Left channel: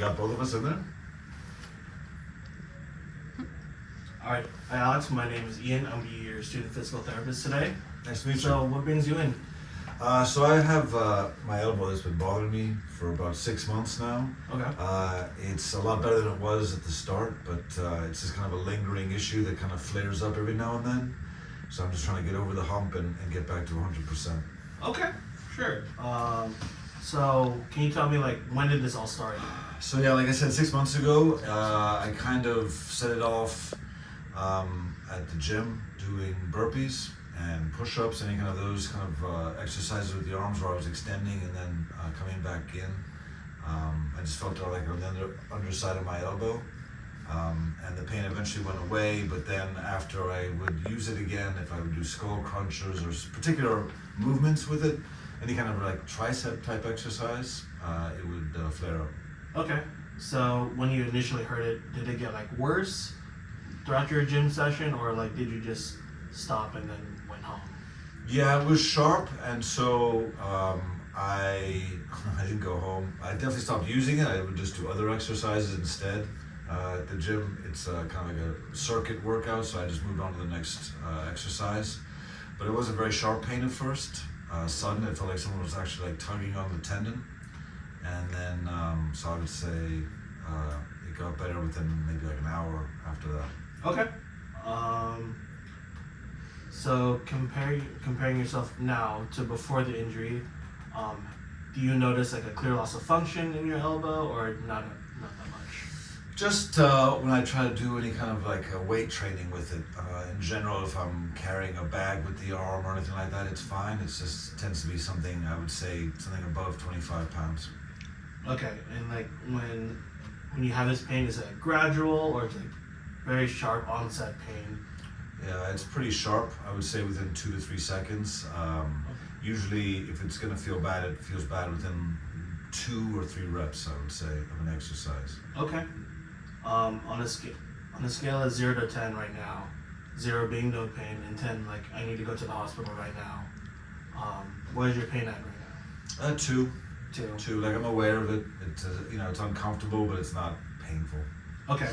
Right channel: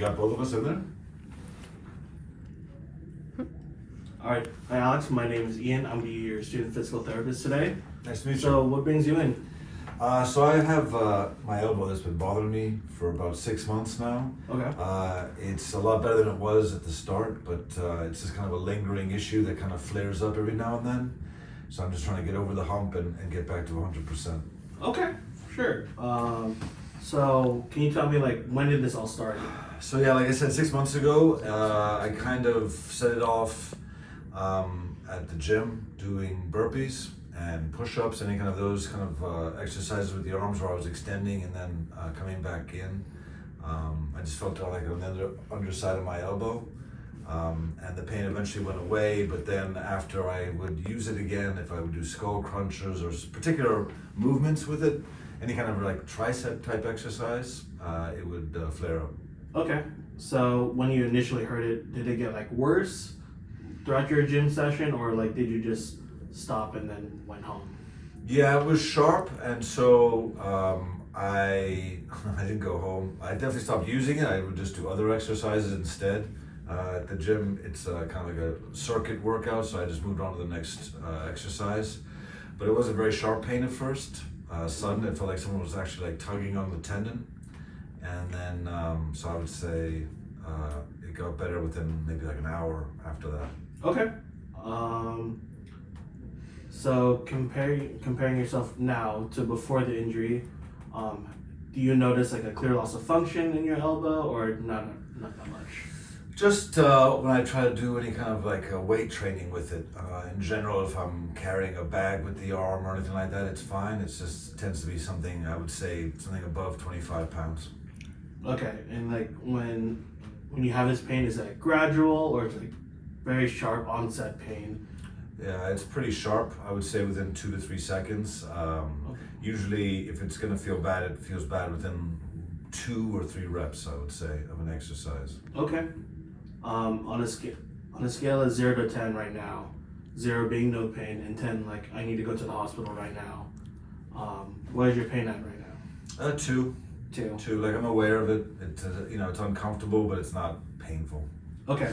Got both of us in there? Alright, hi Alex, my name is Ian. I'm your student physical therapist today. Nice to meet you. So, what brings you in? So I have my elbow that's been bothering me for about 6 months now. Okay. It's a lot better than it was at the start, but it's just kind of a lingering issue that kind of flares up every now and then. So I'm just trying to get over the hump and get back to 100%. Okay, sure. So, can you tell me, like, when did this all start? So yeah, like I said, 6 months ago, I kind of set it off at the gym doing burpees and push-ups, any kind of those kind of exercises with the arms where I was extending and then coming back in. I just felt like on the underside of my elbow, and the pain eventually went away. But then after I would use it again, if I would do skull crunches or particular movements with it, any kind of like tricep type exercise, it would flare up. Okay. So, when you initially heard it, did it get, like, worse throughout your gym session, or, like, did you just stop and then went home? Yeah, it was sharp, and so I didn't go home. I definitely stopped using it. I would just do other exercises instead. At the gym, it's kind of like a circuit workout, so I just moved on to the next exercise. But it was a very sharp pain at first. Sudden, it felt like someone was actually like tugging on the tendon, and then so I would say it got better within maybe like an hour after that. Okay. So, comparing yourself now to before the injury, do you notice, like, a clear loss of function in your elbow, or not that much? Just when I try to do any kind of like weight training with it, in general, if I'm carrying a bag with the arm or anything like that, it's fine. It's just tends to be something, I would say, something above 25 pounds. Okay, and, like, when you have this pain, is it gradual, or is it, like, very sharp onset pain? Yeah, it's pretty sharp. I would say within 2 to 3 seconds. Usually, if it's going to feel bad, it feels bad within 2 or 3 reps, I would say, of an exercise. Okay. On a scale of 0 to 10 right now, 0 being no pain, and 10 like I need to go to the hospital right now. What is your pain at right now? 2. 2. 2. Like I'm aware of it. It's it's uncomfortable, but it's not painful. Okay.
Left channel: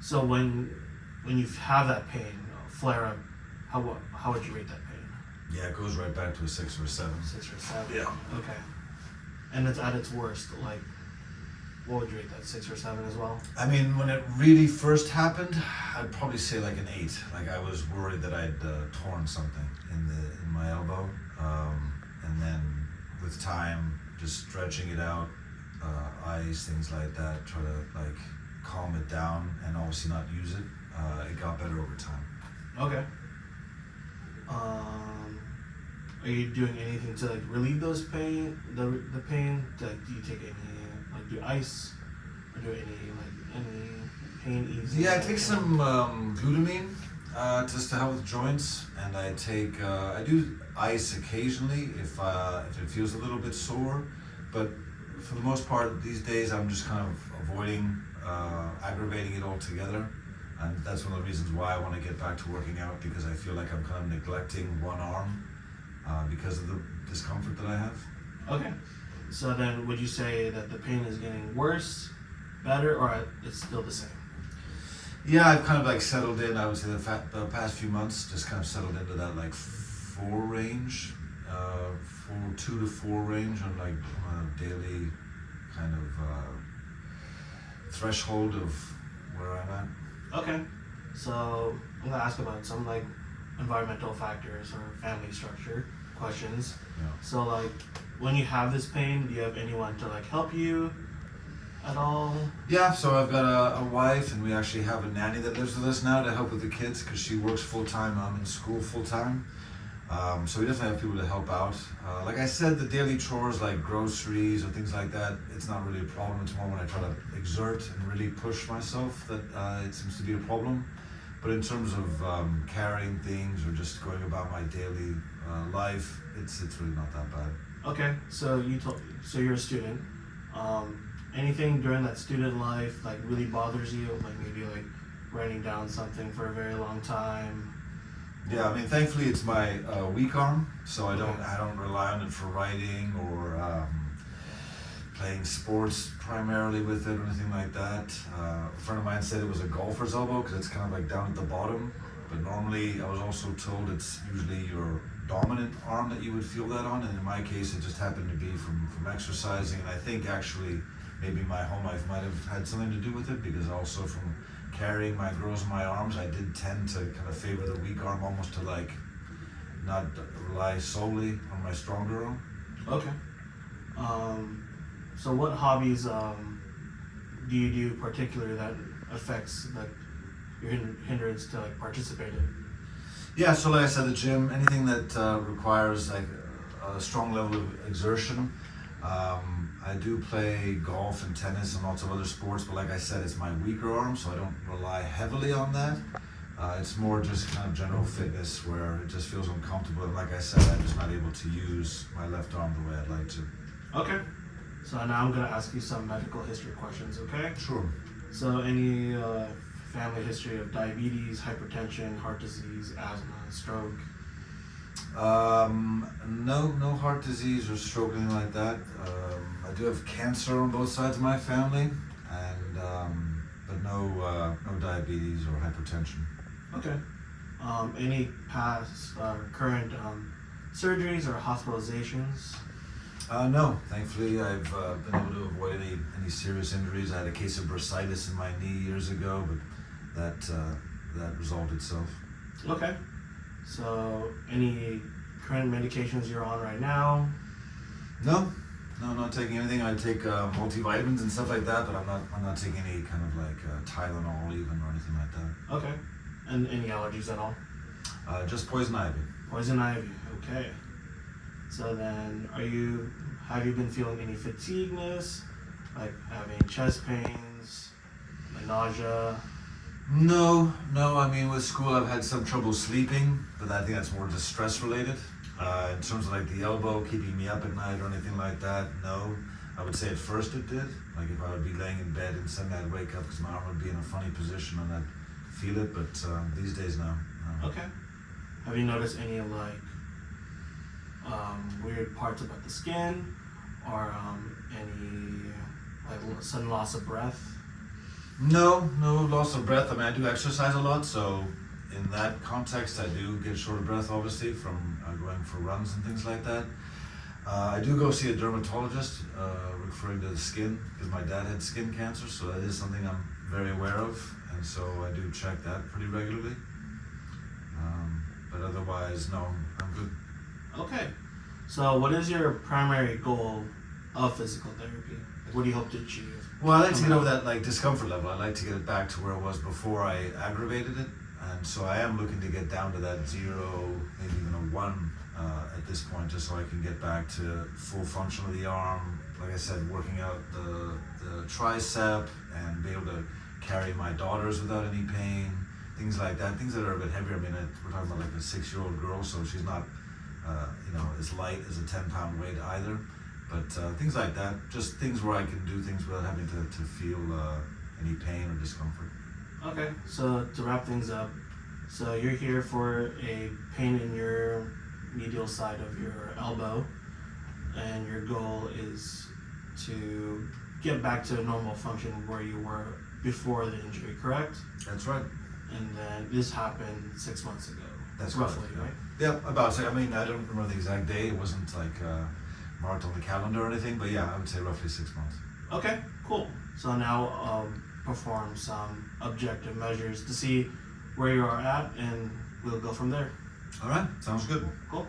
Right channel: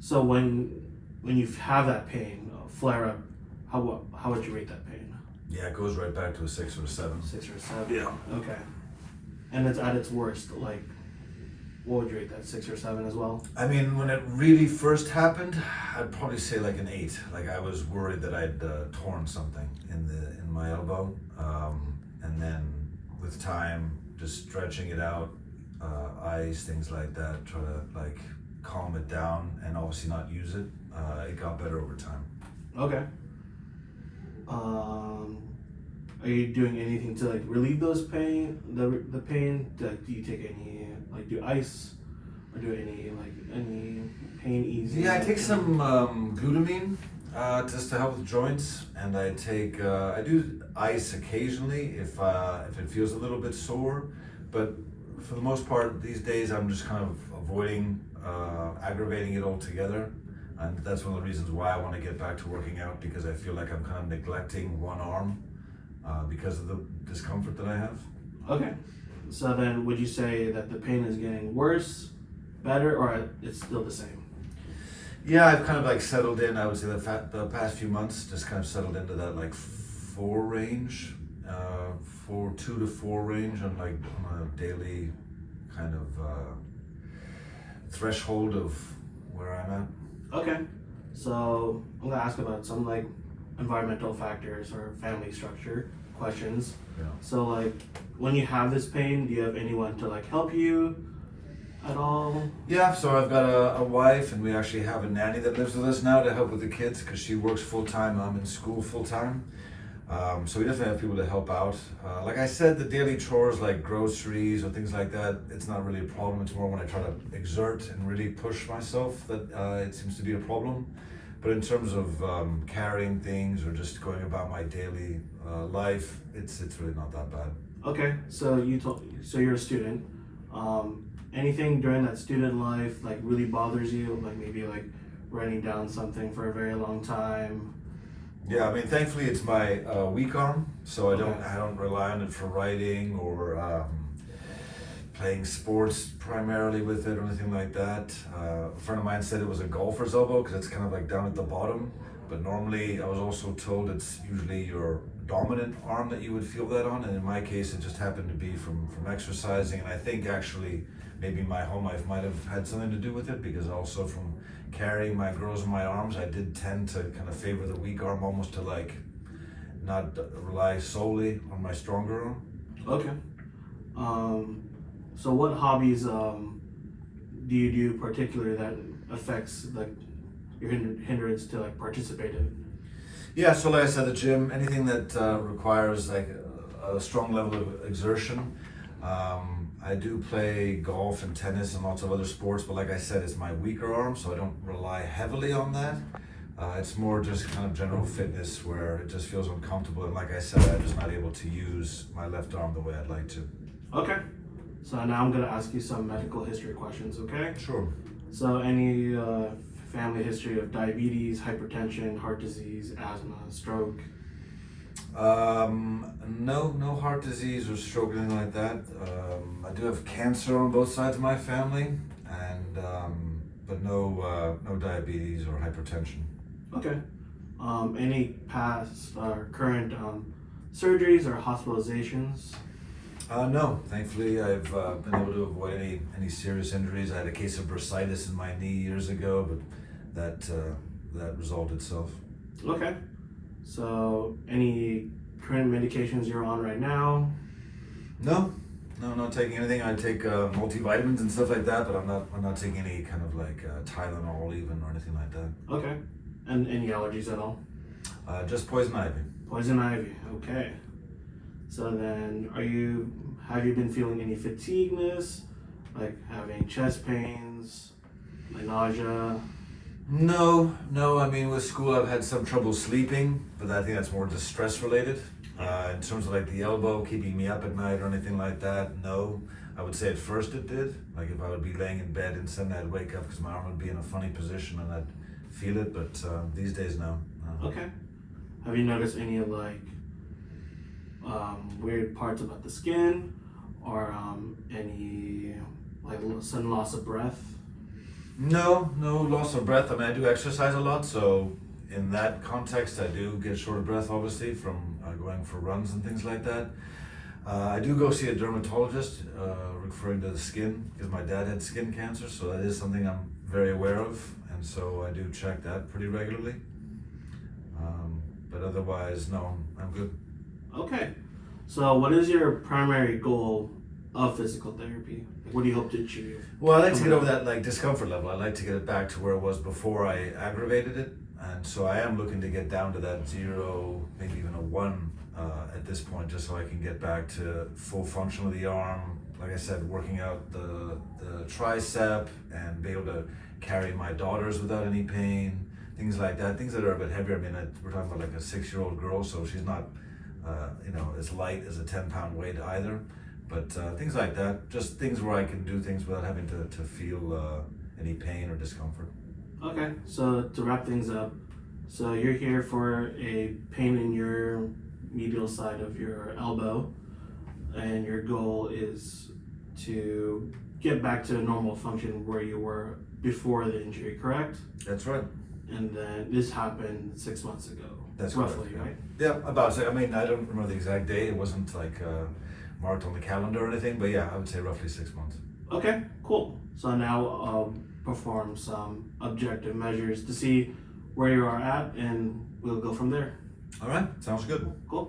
So when you have that pain flare up, how would you rate that pain? Yeah, it goes right back to a 6 or a 7. 6 or 7. Yeah. Okay. And it's at its worst. Like, what would you rate that? 6 or 7 as well? I mean, when it really first happened, I'd probably say like an 8. Like I was worried that I'd torn something in my elbow, and then with time, just stretching it out, ice, things like that, try to like calm it down, and obviously not use it. It got better over time. Okay. Are you doing anything to like relieve those pain, the pain? Do you take any like do ice, or do any pain easy? Yeah, I take some glutamine just to help with joints, and I do ice occasionally if it feels a little bit sore, but for the most part these days I'm just kind of avoiding aggravating it altogether, and that's one of the reasons why I want to get back to working out, because I feel like I'm kind of neglecting one arm because of the discomfort that I have. Okay. So then, would you say that the pain is getting worse, better, or it's still the same? Yeah, I've kind of like settled in. I would say the past few months just kind of settled into that like 4 range, 2 to 4 range on a daily kind of threshold of where I'm at. Okay. So I'm gonna ask about some like environmental factors or family structure questions. Yeah. So like, when you have this pain, do you have anyone to like help you at all? Yeah, so I've got a wife, and we actually have a nanny that lives with us now to help with the kids because she works full time. I'm in school full time. So we definitely have people to help out. Like I said, the daily chores like groceries or things like that, it's not really a problem. It's more when I try to exert and really push myself that it seems to be a problem. But in terms of carrying things or just going about my daily life, it's really not that bad. Okay, so you're a student. Anything during that student life like really bothers you? Like maybe like writing down something for a very long time. Yeah, I mean, thankfully it's my weak arm, so I don't rely on it for writing or playing sports primarily with it or anything like that. A friend of mine said it was a golfer's elbow because it's kind of like down at the bottom. But normally, I was also told it's usually your dominant arm that you would feel that on, and in my case, it just happened to be from exercising. And I think actually, maybe my home life might have had something to do with it, because also from carrying my girls in my arms, I did tend to kind of favor the weak arm, almost to like not rely solely on my stronger arm. Okay. So what hobbies do you do particularly that affects like your hindrance to like participate in? Yeah, so like I said, the gym, anything that requires like a strong level of exertion. I do play golf and tennis and lots of other sports, but like I said, it's my weaker arm, so I don't rely heavily on that. It's more just kind of general fitness where it just feels uncomfortable, and like I said, I'm just not able to use my left arm the way I'd like to. Okay. So now I'm gonna ask you some medical history questions, okay? Sure. So any family history of diabetes, hypertension, heart disease, asthma, stroke? No heart disease or stroke or anything like that. I do have cancer on both sides of my family, and but no diabetes or hypertension. Okay. Any past or current surgeries or hospitalizations? No, thankfully I've been able to avoid any serious injuries. I had a case of bursitis in my knee years ago, but that resolved itself. Okay. So any current medications you're on right now? No, not taking anything. I take multivitamins and stuff like that, but I'm not taking any kind of like Tylenol even or anything like that. Okay. And any allergies at all? Just poison ivy. Poison ivy. Okay. So then, have you been feeling any fatigueness, like having chest pains, like nausea? No. I mean, with school, I've had some trouble sleeping, but I think that's more just stress related. In terms of like the elbow keeping me up at night or anything like that, no. I would say at first it did. Like if I would be laying in bed and suddenly I'd wake up because my arm would be in a funny position and I'd feel it, but these days, no. Okay. Have you noticed any like weird parts about the skin, or any like sudden loss of breath? No loss of breath. I mean, I do exercise a lot, so in that context, I do get short of breath, obviously, from going for runs and things like that. I do go see a dermatologist, referring to the skin, because my dad had skin cancer, so that is something I'm very aware of, and so I do check that pretty regularly. But otherwise, no, I'm good. Okay. So what is your primary goal of physical therapy? Like, what do you hope to achieve? Well, I like to get over that like discomfort level. I like to get it back to where it was before I aggravated it, and so I am looking to get down to that 0, maybe even a 1 at this point, just so I can get back to full function of the arm. Like I said, working out the tricep and be able to carry my daughters without any pain, things like that. Things that are a bit heavier. I mean, we're talking about like a 6-year-old girl, so she's not as light as a 10-pound weight either. But things like that, just things where I can do things without having to feel any pain or discomfort. Okay, so to wrap things up, so you're here for a pain in your medial side of your elbow, and your goal is to get back to normal function where you were before the injury, correct? That's right. And then this happened 6 months ago. That's roughly, correct, right? Yeah, about so. I mean, I don't remember the exact date. It wasn't like marked on the calendar or anything, but yeah, I would say roughly 6 months. Okay, cool. So now perform some objective measures to see where you are at, and we'll go from there. All right, sounds good. Cool.